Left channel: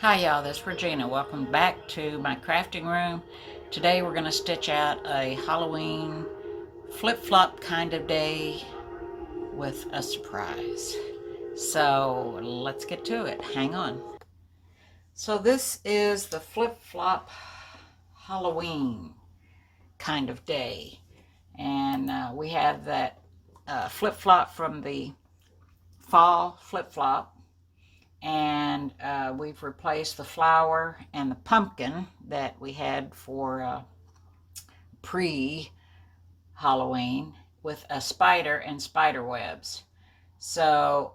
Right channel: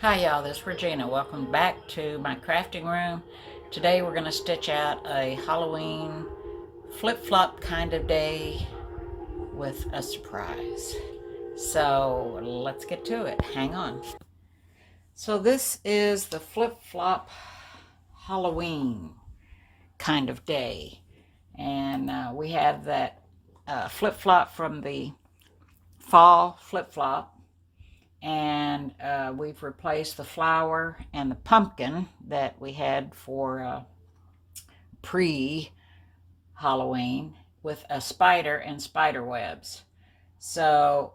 Hi y'all, this is Regina. Welcome back to my crafting room. Today we're going to stitch out a Halloween flip-flop kind of day with a surprise. So let's get to it. Hang on. So this is the flip-flop Halloween kind of day. And we have that flip-flop from the fall flip-flop, and we've replaced the flower and the pumpkin that we had for pre-Halloween with a spider and spider webs. So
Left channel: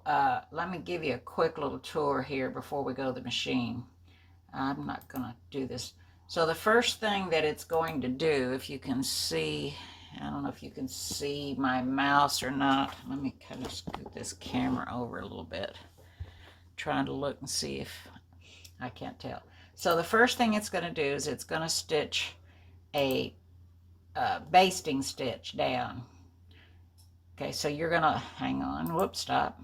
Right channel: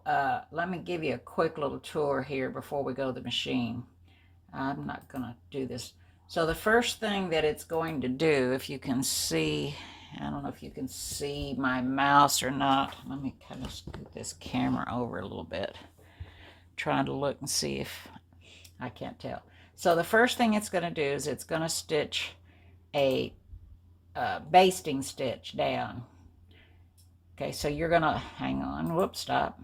let me give you a quick little tour here before we go to the machine. I'm not going to do this. So the first thing that it's going to do, if you can see, I don't know if you can see my mouse or not. Let me kind of scoot this camera over a little bit. Trying to look and see if I can't tell. So the first thing it's going to do is it's going to stitch a basting stitch down. Okay, so you're going to, hang on, whoops, stop.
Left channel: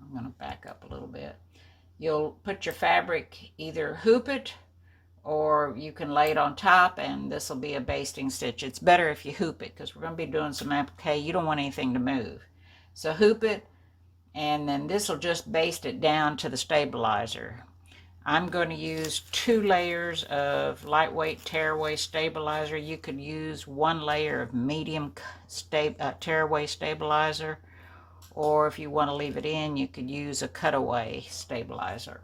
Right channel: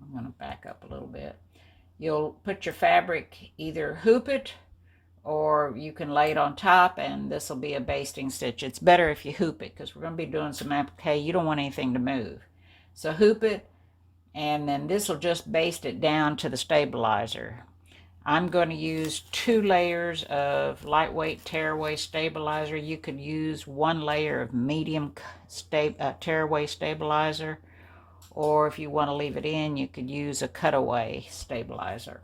I'm going to back up a little bit. You'll put your fabric, either hoop it or you can lay it on top, and this will be a basting stitch. It's better if you hoop it because we're going to be doing some applique. You don't want anything to move. So hoop it, and then this will just baste it down to the stabilizer. I'm going to use 2 layers of lightweight tearaway stabilizer. You could use 1 layer of medium tearaway stabilizer, or if you want to leave it in, you could use a cutaway stabilizer.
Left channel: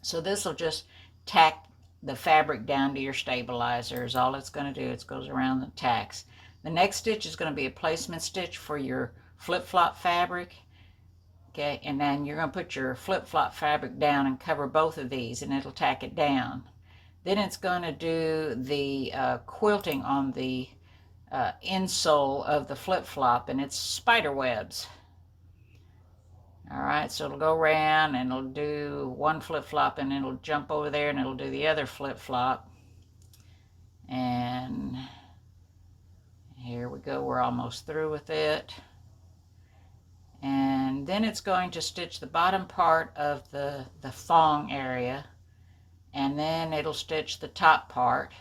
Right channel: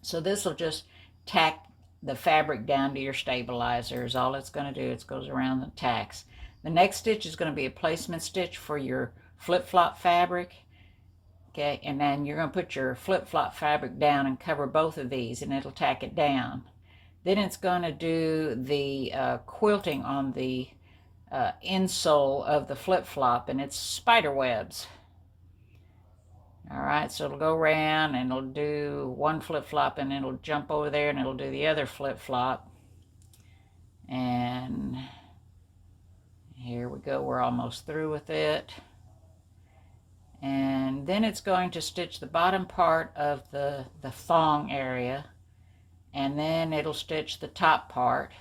So this will just tack the fabric down to your stabilizer is all it's going to do. It goes around the tacks. The next stitch is going to be a placement stitch for your flip-flop fabric. Okay, and then you're going to put your flip-flop fabric down and cover both of these, and it'll tack it down. Then it's going to do the quilting on the insole of the flip-flop, and it's spider webs. All right, so it'll go around and it'll do one flip-flop, and it'll jump over there and it'll do the other flip-flop. And here we go, we're almost through with it. And then it's going to stitch the bottom part of the thong area, and then it'll stitch the top part,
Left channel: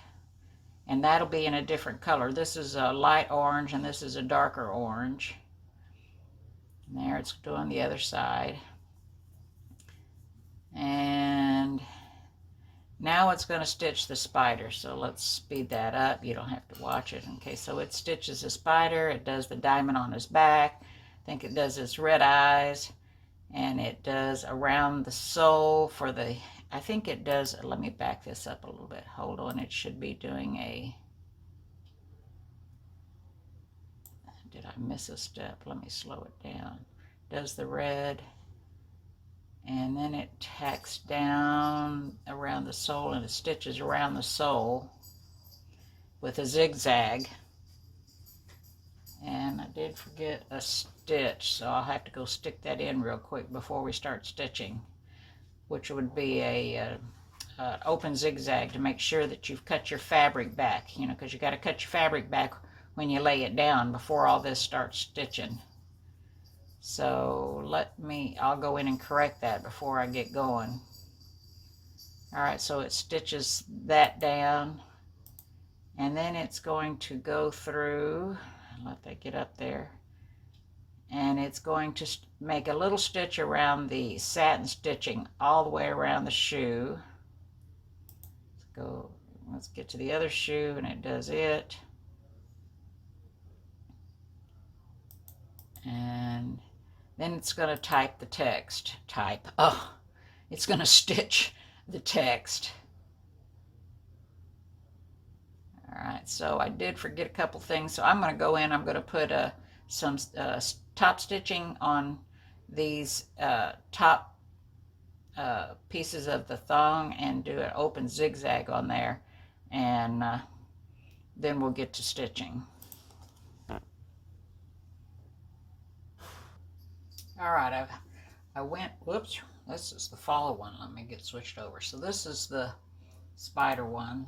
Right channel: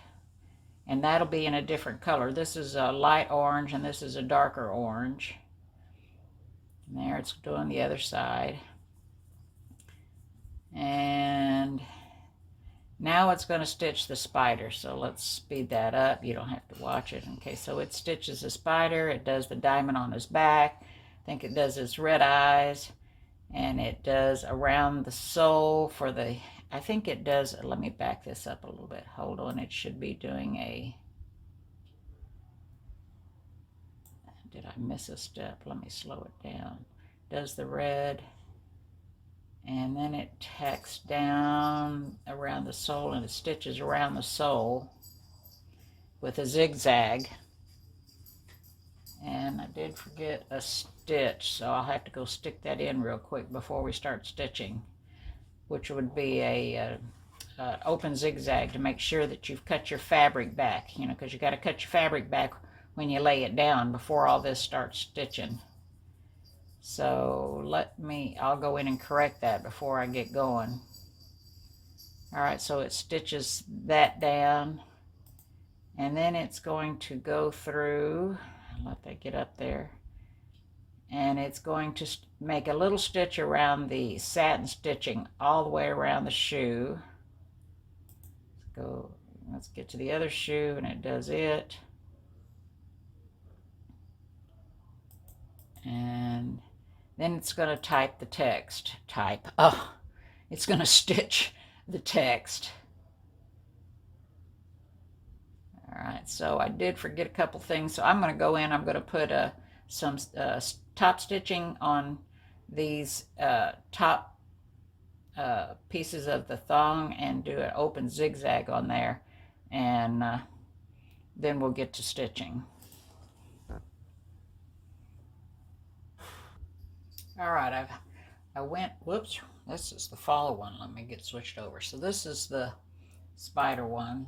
and that'll be in a different color. This is a light orange and this is a darker orange. And there it's doing the other side. And now it's going to stitch the spider. So let's speed that up. You don't have to watch it. Okay, so it stitches the spider. It does the diamond on his back. I think it does his red eyes, and it does around the sole for the, I think it does, let me back this up a little bit. Hold on, it should be doing a, did I miss a step? Let me slow it down. Does the red, and then it tacks down around the sole, and it stitches around the sole with a zigzag. And I did forget a stitch, so I'll have to go stick that in real quick before we start stitching, which would be a open zigzag to make sure that you've cut your fabric back, you know, because you got to cut your fabric back when you lay it down before all this starts stitching. So I'll go in and correct that before I get going. All right, so it stitches that down, and then it's going to go through, let that get up there, and it's going to make a little stitch around the satin stitching all the way around the shoe. Let's get to the other shoe, and it does it. And then it's going to type the text. It's going to stitch the text. All right, so I did forget a couple things, so I'm going to go in. I'm going to put some top stitching on these top pieces of the thong and do an open zigzag on there, and then we'll get to stitching. All right, I went, whoops, this is the fall one. Let me get switched over. So this is the spider one.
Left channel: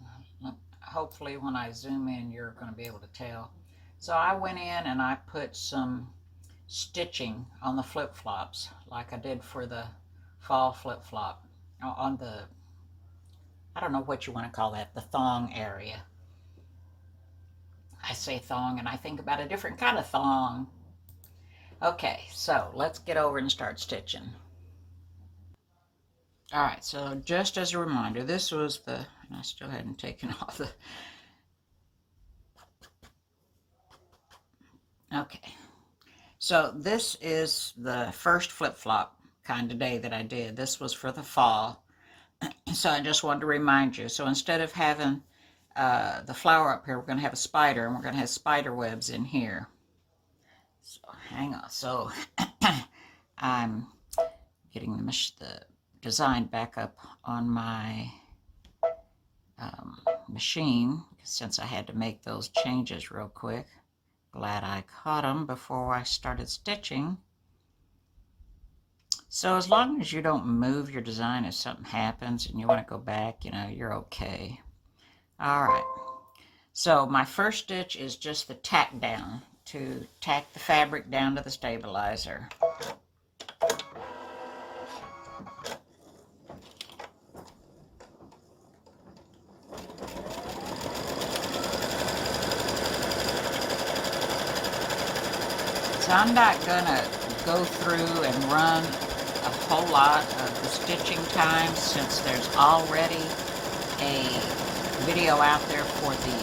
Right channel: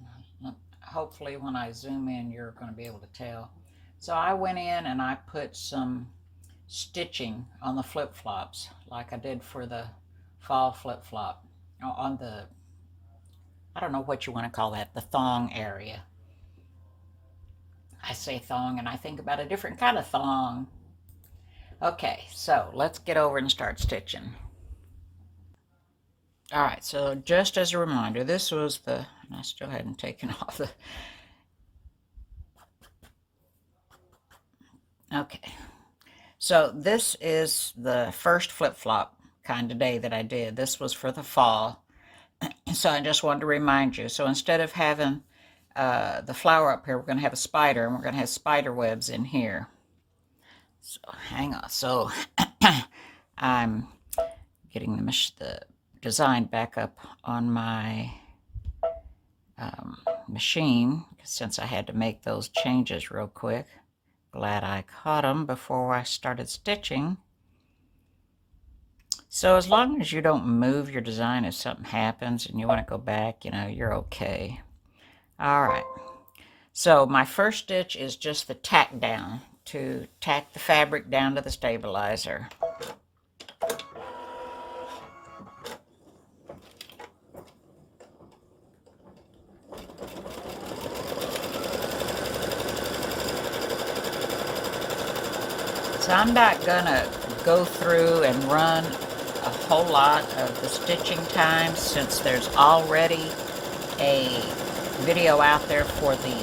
Hopefully when I zoom in, you're going to be able to tell. So I went in and I put some stitching on the flip-flops like I did for the fall flip-flop on the I don't know what you want to call that, the thong area. I say thong and I think about a different kind of thong. Okay, so let's get over and start stitching. All right, so just as a reminder, this was the, and I still hadn't taken off the, okay. So this is the first flip-flop kind of day that I did. This was for the fall. So I just wanted to remind you. So instead of having the flower up here, we're going to have a spider, and we're going to have spider webs in here. So hang on. So I'm getting the design back up on my machine since I had to make those changes real quick. Glad I caught them before I started stitching. So as long as you don't move your design if something happens and you want to go back, you know, you're okay. All right. So my first stitch is just the tack down to tack the fabric down to the stabilizer. So I'm not gonna go through and run a whole lot of the stitching time since there's already a video out there for the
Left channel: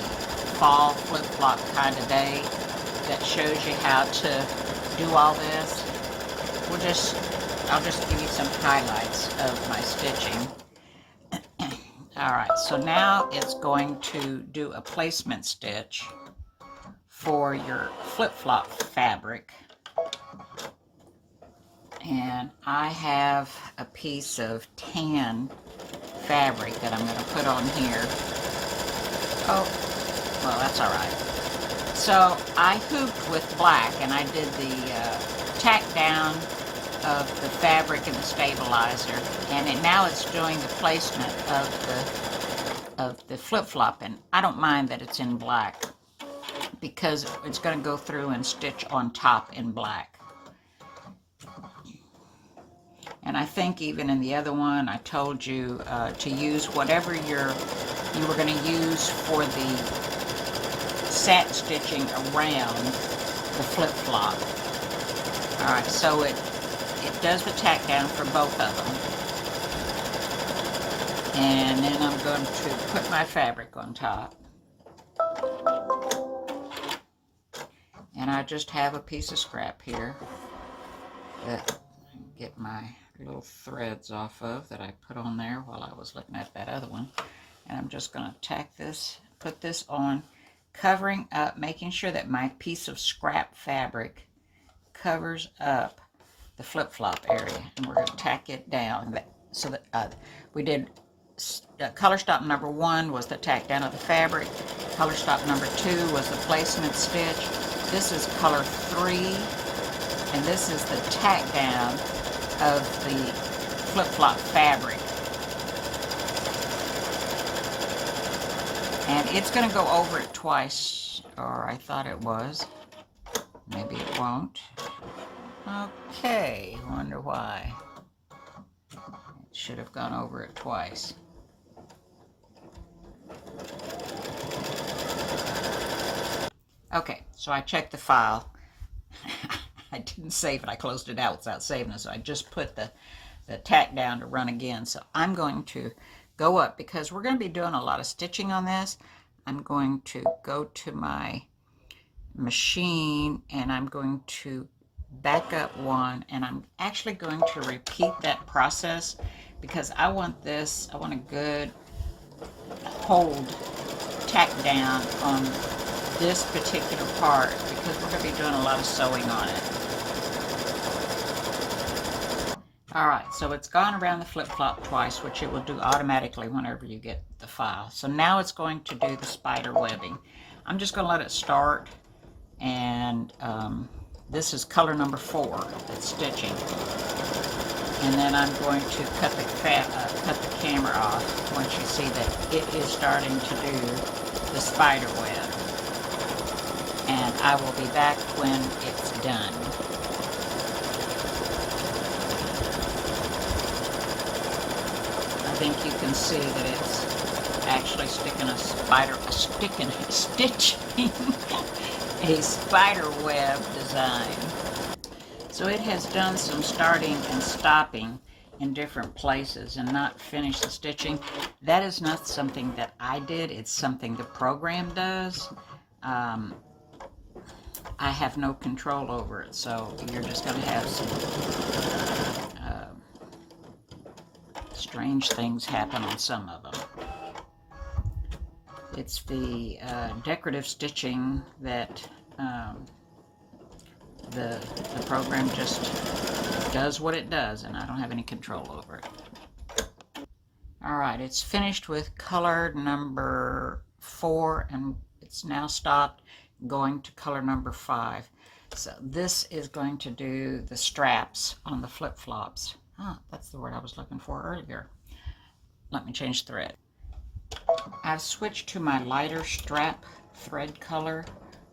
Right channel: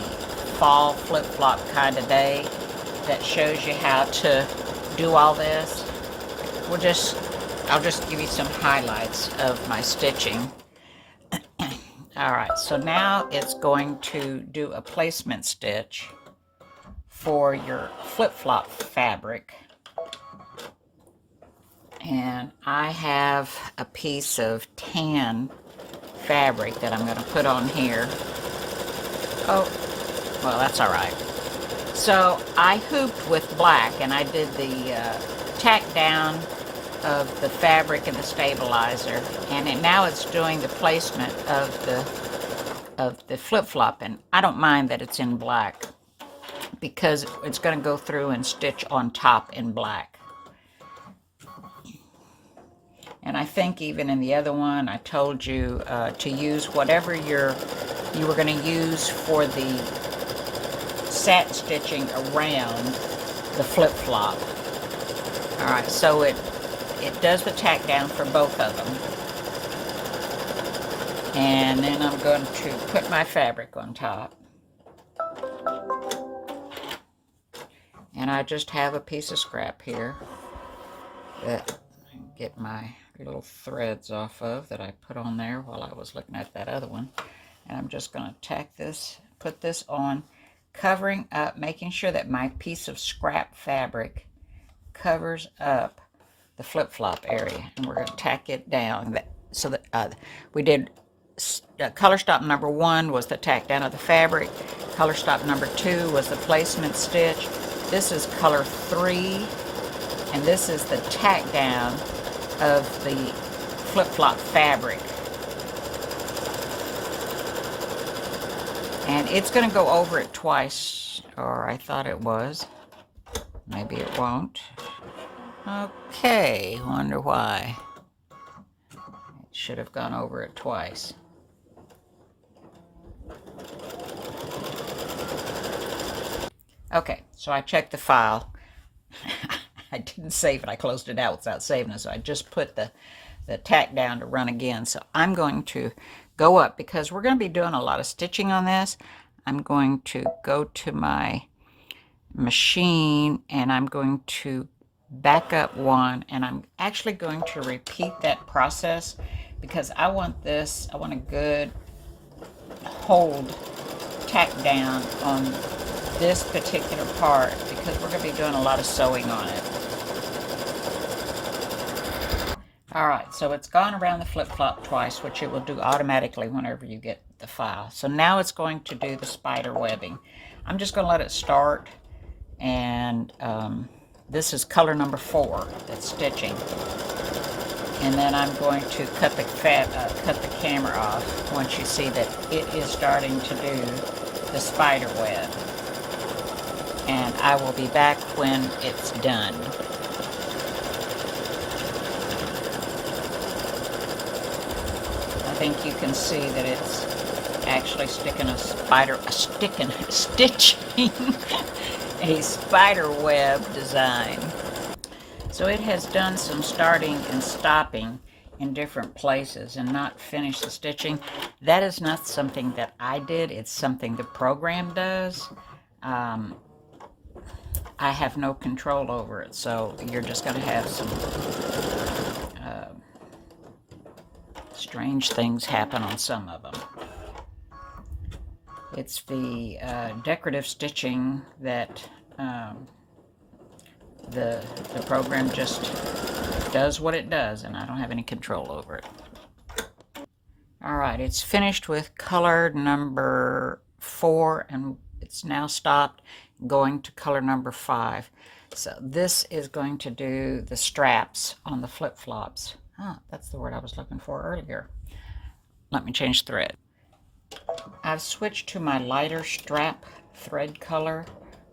fall flip-flop kind of day that shows you how to do all this. I'll just give you some highlights of my stitching. All right, so now it's going to do a placement stitch for your flip-flop fabric. And I have a piece of tan fabric that I'm going to put on here. Oh, well, that's all right. So I hooped with black, and I did the tack down of the fabric in the stabilizer, and now it's doing the placement of the flip-flop, and I don't mind that it's in black because it's going to go through and stitch on top in black. And I think even in the other one, I told you to use whatever you were going to use for the satin stitching around the flip-flop. All right, so it does the tack down for both of them. And then I'm going to put my fabric on top. And I just have a piece of scrap here that I can get my little threads off of that I put on there while I was looking at that other one. And I'm just going to tack this, put this on, covering up, making sure that my piece of scrap fabric covers up the flip-flop area. And we're going to tack it down. So that we did color stop number 1 was the tack down of the fabric. Color stop number 2 was the placement stitch. This is color 3, and this is the tack down of the flip-flop fabric. And it's going to go over it twice, or I thought it was. Maybe it won't. Okay, wonder why. It should have gone over it twice. Okay, so I checked the file. I didn't save it. I closed it out without saving it, so I just put the tack down to run again. So I'm going to go up because we're going to be doing a lot of stitching on this. I'm going to go to my machine and I'm going to back up one, and I'm actually going to repeat that process because I want a good hold tack down on this particular part because we're going to be doing a lot of sewing on it. Alright, so it's gone around the flip-flop twice, which it will do automatically whenever you get the file. So now it's going to do the spider webbing. I'm just going to let it start, and this is color number 4, it's stitching. And then I'm going to cut the camera off once you see that it is starting to do the spider web. And I will be back when it's done. I think you can see that it's actually stitching a spider web design. So it has done some starting and stopping in different places and not finished the stitching. That is not something that I did. It's something the program does. I have no control over it, so you're just going to have some strange things happen on some of them. It's the decorative stitching that the program just does what it does, and I don't have any control over it. All right, it's finished with color number 4, and it's now stopped going to color number 5. So this is going to do the straps on the flip-flops. Oh, that's the word I was looking for earlier. Let me change thread. I've switched to my lighter strap thread color,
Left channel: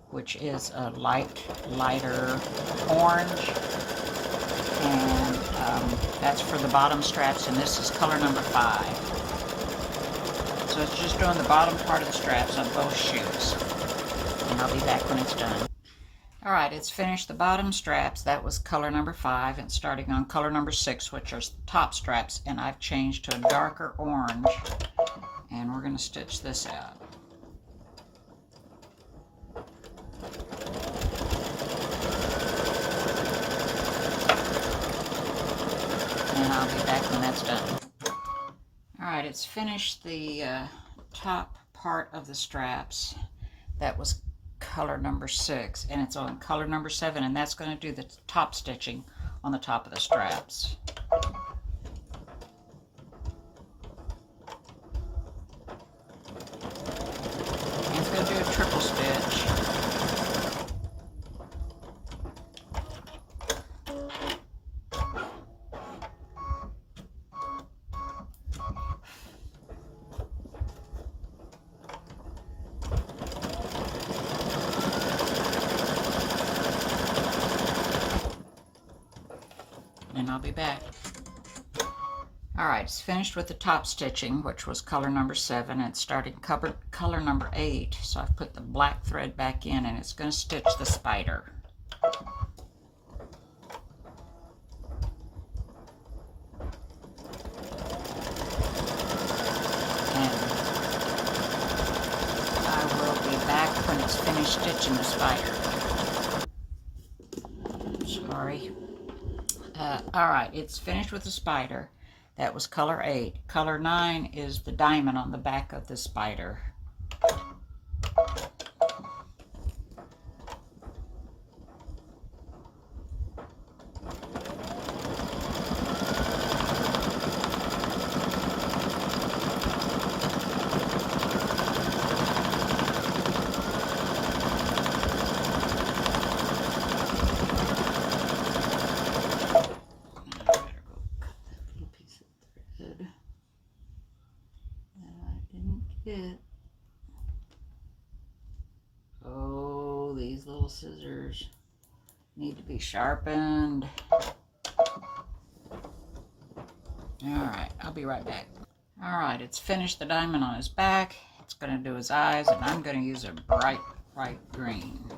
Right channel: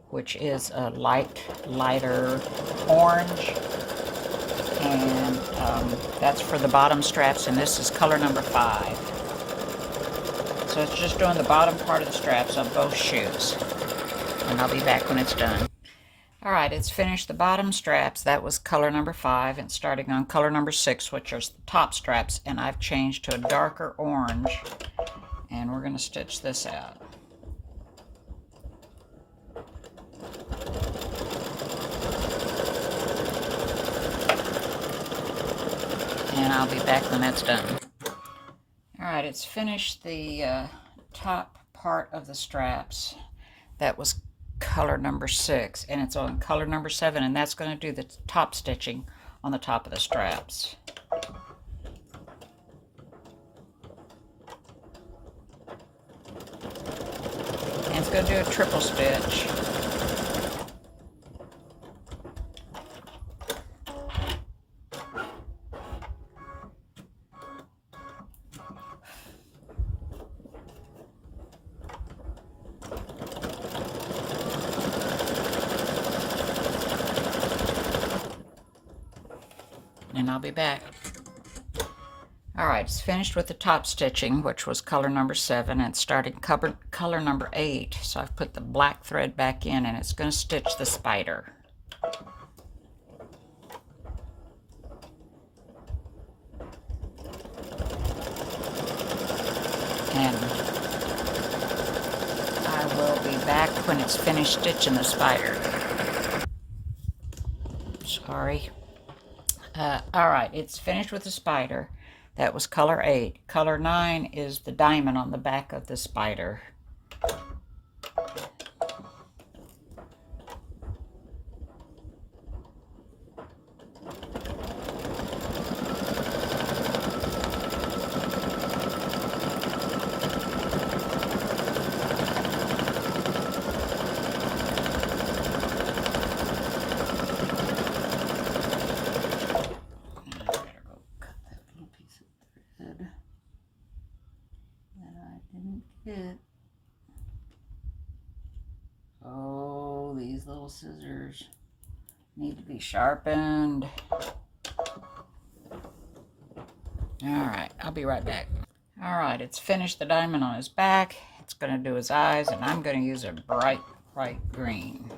which is a lighter orange, and that's for the bottom straps, and this is color number 5. So it's just doing the bottom part of the straps on both shoes, and I'll be back when it's done. All right, it's finished the bottom straps. That was color number 5, and starting on color number 6, which are the top straps, and I've changed to a darker orange, and we're going to stitch this out. And I'll be back when that's done. All right, it's finished the top part of the straps. That was color number 6, and it's on color number 7, and that's going to do the top stitching on the top of the straps. And it's going to do a triple stitch. And I'll be back. All right, it's finished with the top stitching, which was color number 7, and starting color number 8. So I've put the black thread back in, and it's going to stitch the spider. And I will be back when it's finished stitching the spider. Sorry. All right, it's finished with the spider. That was color 8. Color 9 is the diamond on the back of the spider. Oh, these little scissors need to be sharpened. Alright, I'll be right back. Alright, it's finished the diamond on his back. It's going to do his eyes, and I'm going to use a bright green.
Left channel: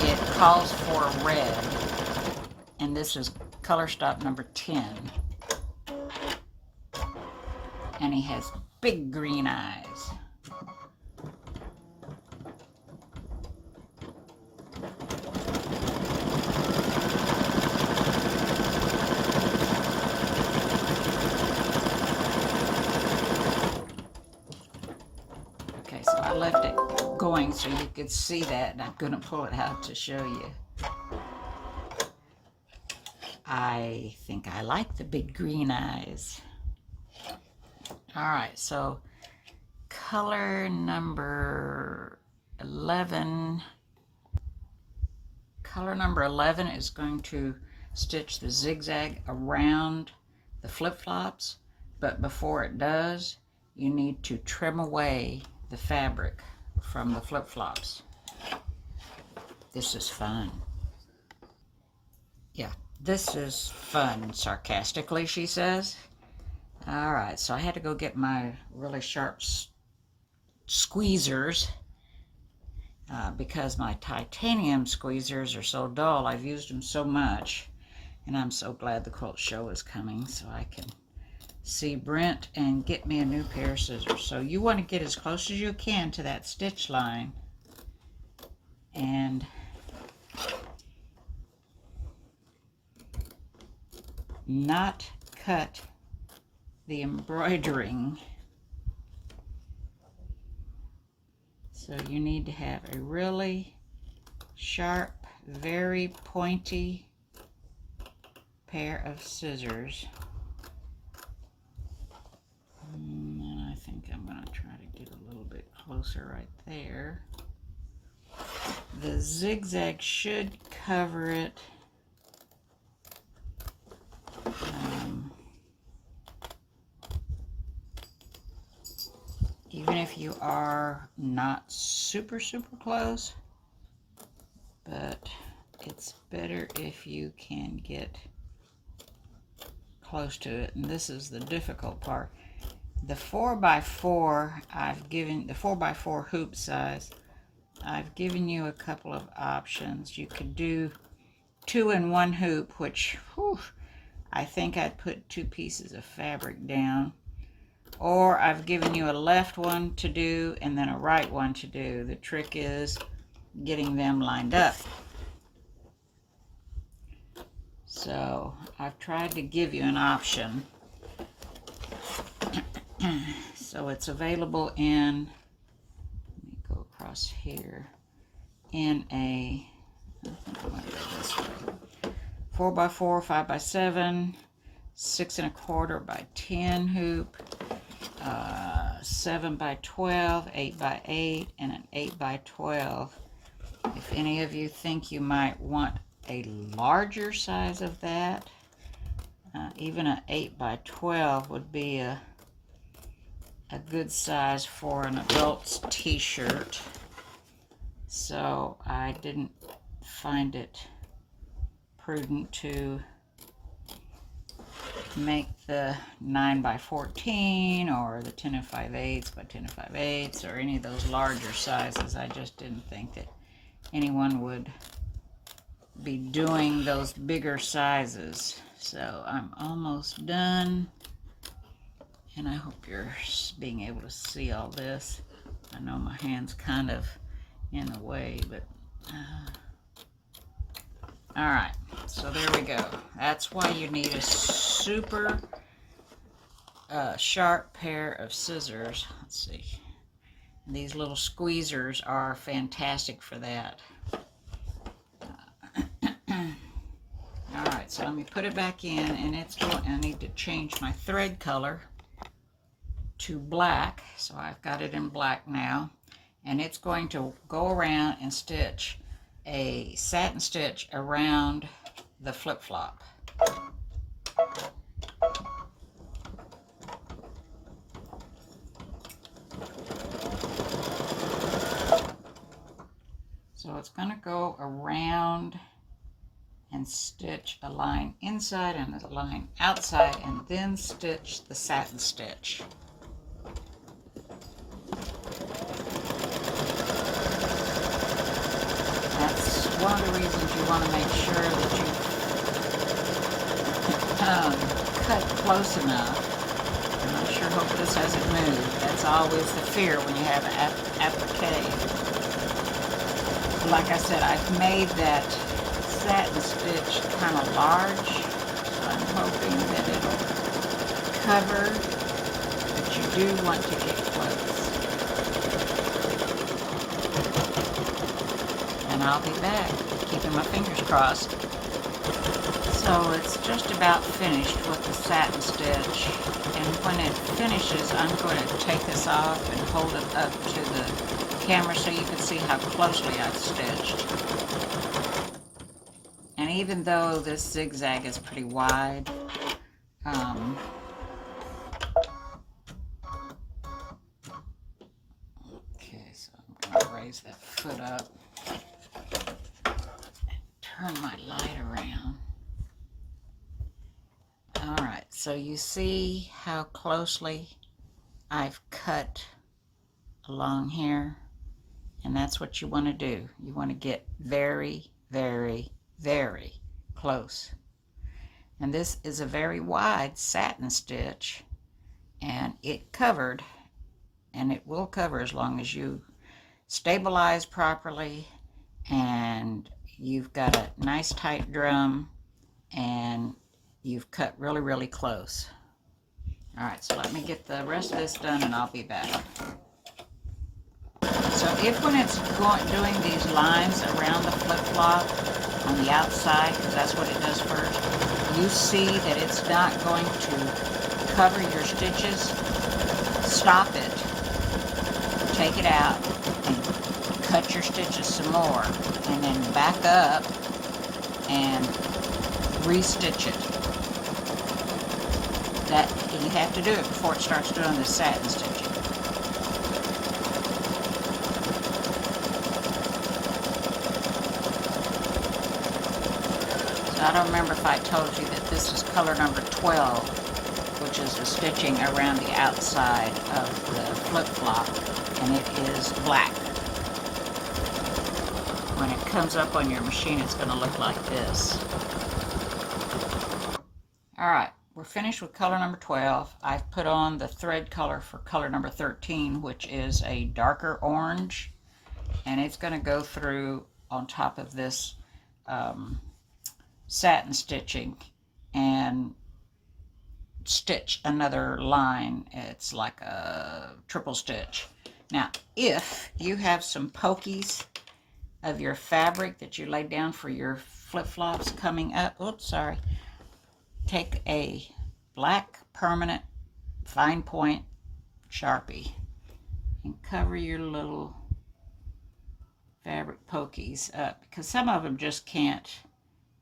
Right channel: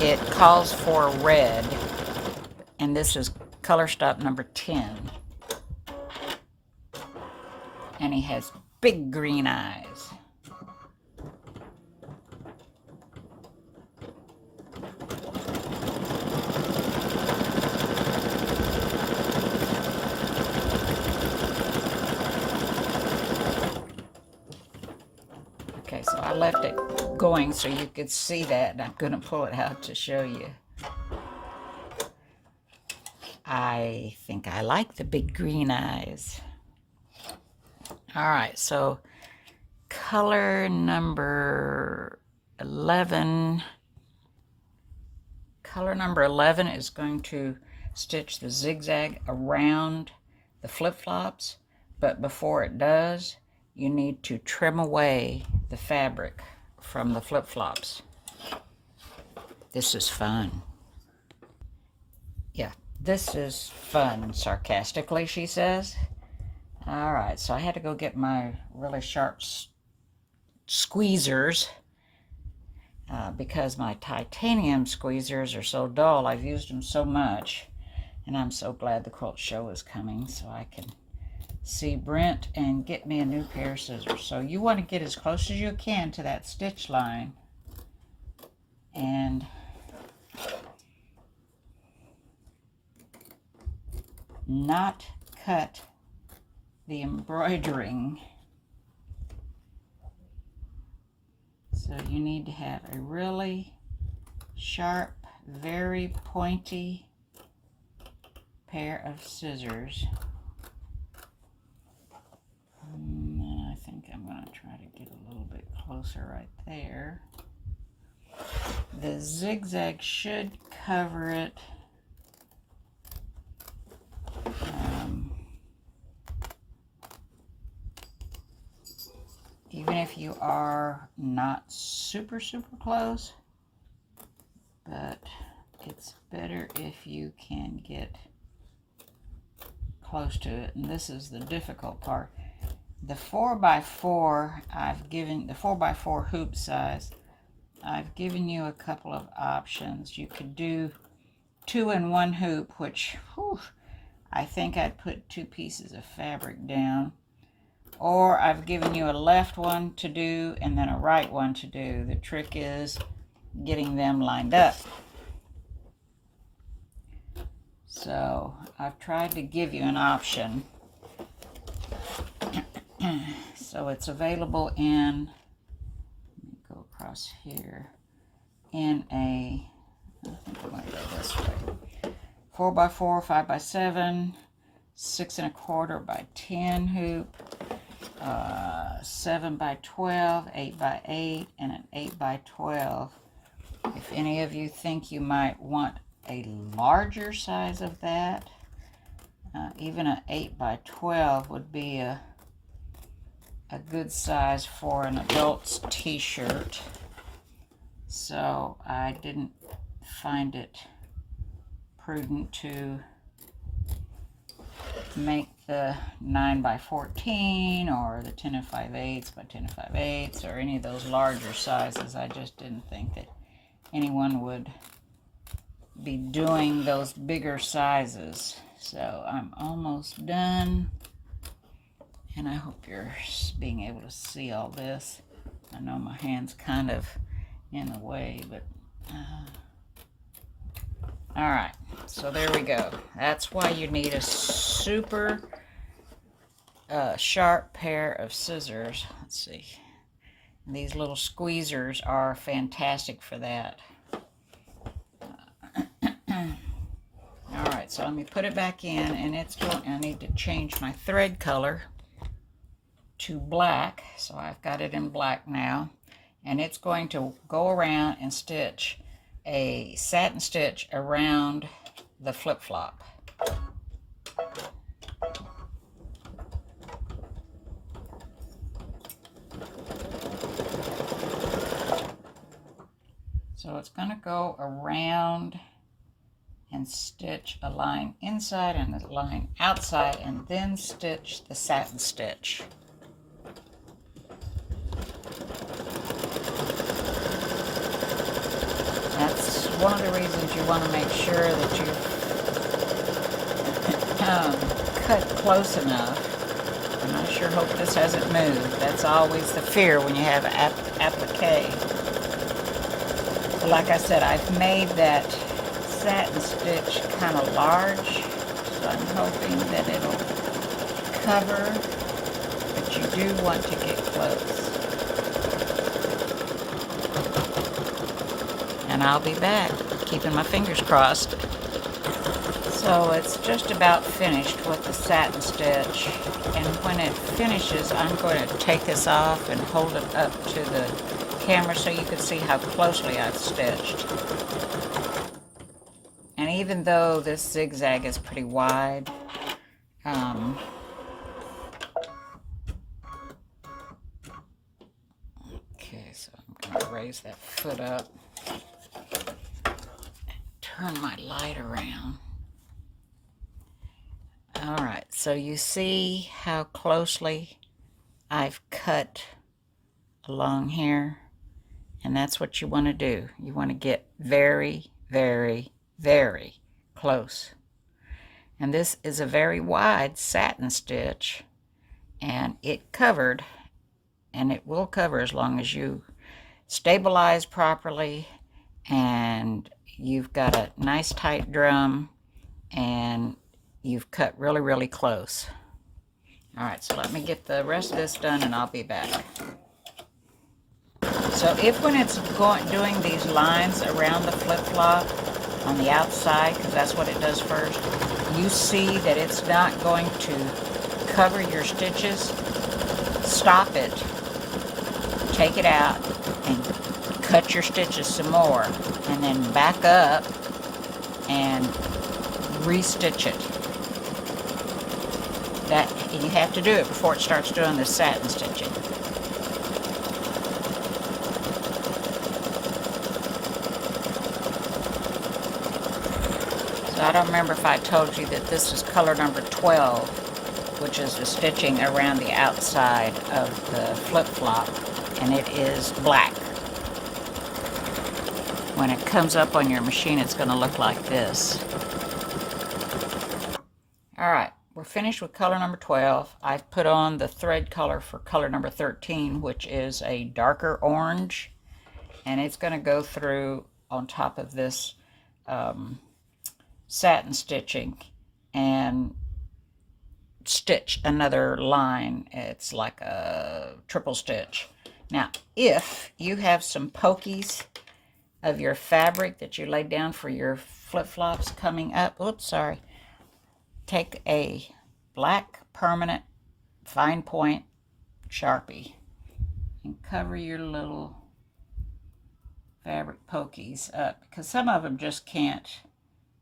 It calls for red, and this is color stop number 10. And he has big green eyes. Okay, so I left it going so you could see that, and I'm going to pull it out to show you. I think I like the big green eyes. All right, so color number 11. Color number 11 is going to stitch the zigzag around the flip-flops, but before it does, you need to trim away the fabric from the flip-flops. This is fun. Yeah, this is fun, sarcastically, she says. All right, so I had to go get my really sharp squeezers because my titanium squeezers are so dull. I've used them so much, and I'm so glad the quilt show is coming so I can see Brent and get me a new pair of scissors. So you want to get as close as you can to that stitch line and not cut the embroidering. So you need to have a really sharp, very pointy pair of scissors. I think I'm going to try to get a little bit closer right there. The zigzag should cover it. Even if you are not super close, but it's better if you can get close to it. And this is the difficult part. The 4x4, the 4x4 hoop size, I've given you a couple of options. You could do 2 in 1 hoop, which, whew, I think I'd put 2 pieces of fabric down. Or I've given you a left one to do and then a right one to do. The trick is getting them lined up. So I've tried to give you an option. So it's available in, let me go across here, in a, I think I want to go this way, 4x4, 5x7, 6 1/4 by 10 hoop, 7x12, 8x8, and an 8x12. If any of you think you might want a larger size of that, even an 8x12 would be a good size for an adult's t-shirt. So I didn't find it prudent to make the 9x14 or the 10 5/8 by 10 5/8 or any of those larger sizes. I just didn't think that anyone would be doing those bigger sizes. So I'm almost done, and I hope you're being able to see all this. I know my hand's kind of in the way, but all right, so there we go. That's why you need a super sharp pair of scissors. Let's see. These little squeezers are fantastic for that. All right, so let me put it back in, and I need to change my thread color to black. So I've got it in black now, and it's going to go around and stitch a satin stitch around the flip-flop. So it's going to go around and stitch a line inside and a line outside, and then stitch the satin stitch. That's one of the reasons you want to make sure that you cut close enough. And I sure hope this hasn't moved. That's always the fear when you have applique. Like I said, I've made that satin stitch kind of large, so I'm hoping that it'll cover, but you do want to get close. And I'll be back, keeping my fingers crossed. So it's just about finished with the satin stitch, and when it finishes, I'm going to take this off and hold it up to the camera so you can see how closely I've stitched. And even though this zigzag is pretty wide, okay, so I'm going to raise that foot up. turn my light around. All right, so you see how closely I've cut along here, and that's what you want to do. You want to get very, very, very close. And this is a very wide satin stitch, and it covered, and it will cover as long as you stabilize properly and you've got a nice tight drum and you've cut really, really close. All right, so let me get the rest of this done and I'll be back. So if when it's doing these lines around the flip-flop on the outside, because that's what it does first, you see that it's not going to cover your stitches, stop it, take it out, and cut your stitches some more, and then back up and restitch it. That you have to do it before it starts doing the satin stitching. So I don't remember if I told you that this is color number 12, which is the stitching around the outside of the flip-flop, and it is black. When it comes up on your machine, it's going to look like this. All right, we're finished with color number 12. I've put on the thread color for color number 13, which is a darker orange, and it's going to go through on top of this satin stitching and stitch another line. It's like a triple stitch. Now, if you have some pokies of your fabric that you laid down for your flip-flops coming up, oops, sorry, take a black permanent fine point Sharpie and cover your little fabric pokies up, because some of them just can't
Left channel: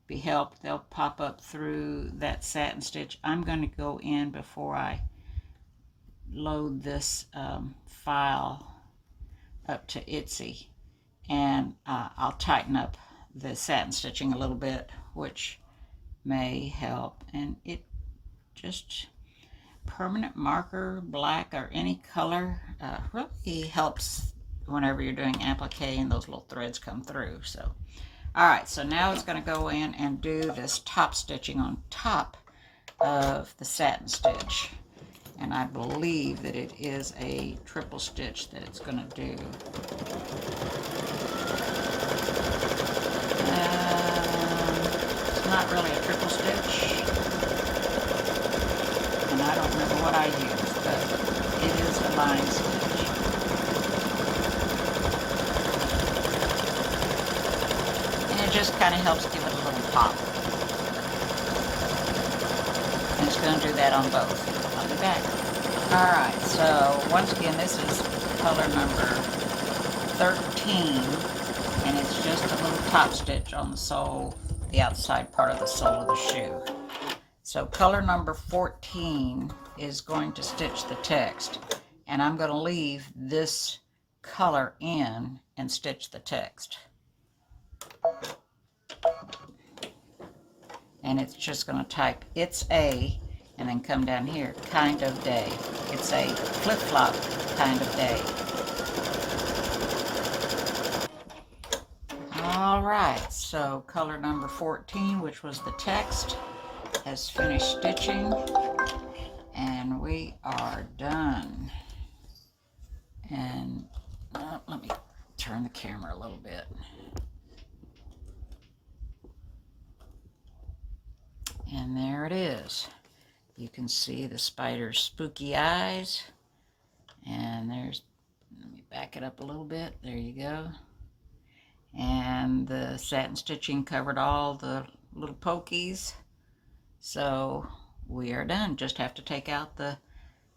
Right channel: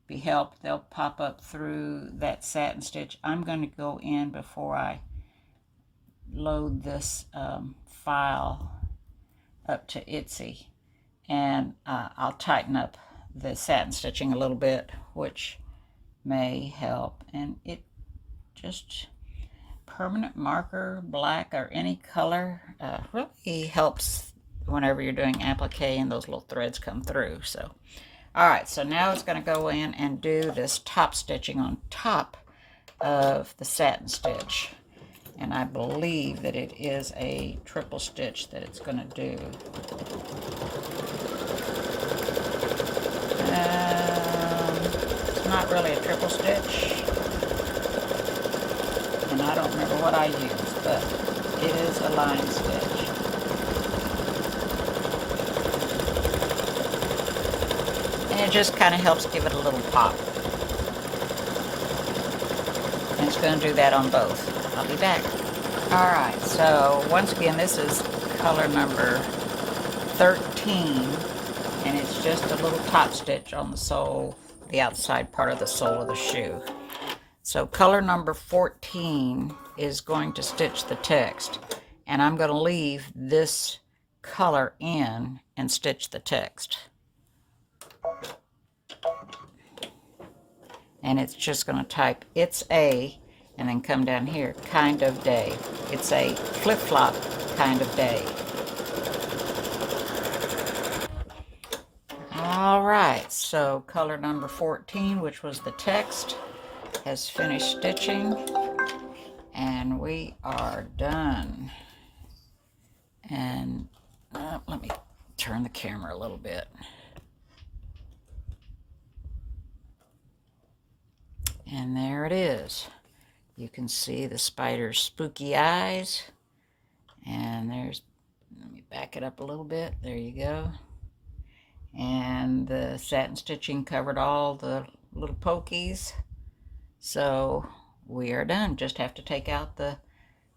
be helped. They'll pop up through that satin stitch. I'm going to go in before I load this file up to Etsy, and I'll tighten up the satin stitching a little bit, which may help. And it just, permanent marker, black or any color, really helps whenever you're doing applique and those little threads come through. So all right, so now it's going to go in and do this top stitching on top of the satin stitch. And I believe that it is a triple stitch that it's going to do. Not really a triple stitch. And I don't remember what I used, but it is a line stitch. And it just kind of helps give it a little pop. And it's going to do that on both. I'll be back. Alright, so once again, this is color number 13, and it's just a little top stitch on the sole, the outside part of the sole of the shoe. So color number 14 is going to stitch the text, and I'm going to leave this color in and stitch the text. And it's just going to type "It's a," and then come down here, "kind of day." It's a flip-flop kind of day. All right, so color number 14, which was the text, has finished stitching, and we are done. And let me turn the camera a little bit. And there it is. You can see the spider's spooky eyes. And there's, let me back it up a little bit. There you go. And the satin stitching covered all the little pokies. So we are done. Just have to take out the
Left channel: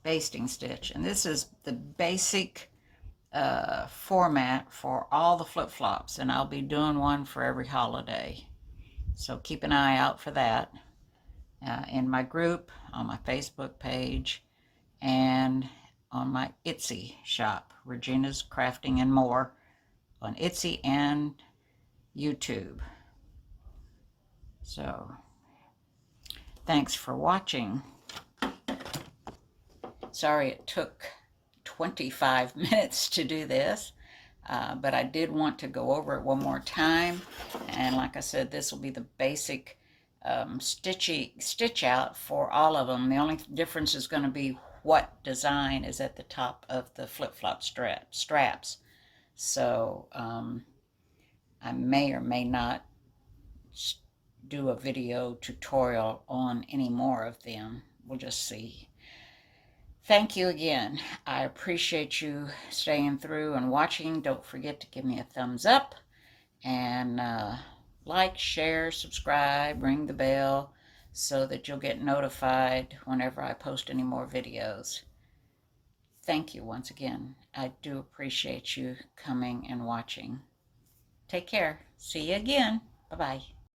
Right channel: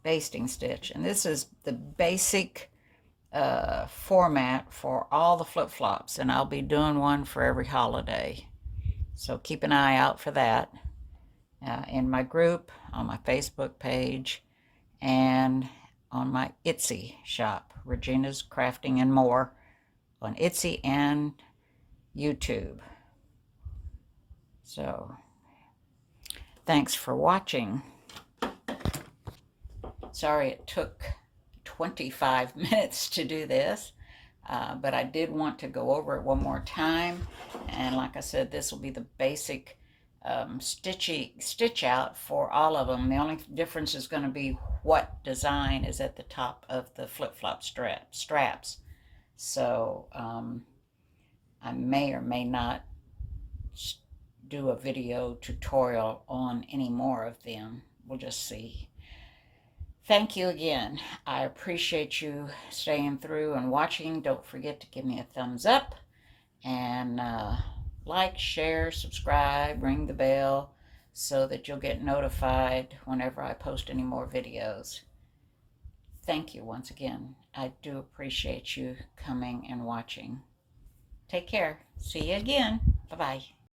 basting stitch. And this is the basic format for all the flip-flops. And I'll be doing one for every holiday. So keep an eye out for that. In my group, on my Facebook page, and on my Etsy shop, Regina's Crafting and More, on Etsy and YouTube. So, thanks for watching. Sorry it took 25 minutes to do this, but I did want to go over it one more time. And like I said, this will be the basic stitch out for all of them. The only difference is going to be what design is at the top of the flip-flop straps. So I may or may not do a video tutorial on any more of them. We'll just see. Thank you again. I appreciate you staying through and watching. Don't forget to give me a thumbs up and like, share, subscribe, ring the bell so that you'll get notified whenever I post any more videos. Thank you once again. I do appreciate you coming and watching. Take care. See you again. Bye-bye.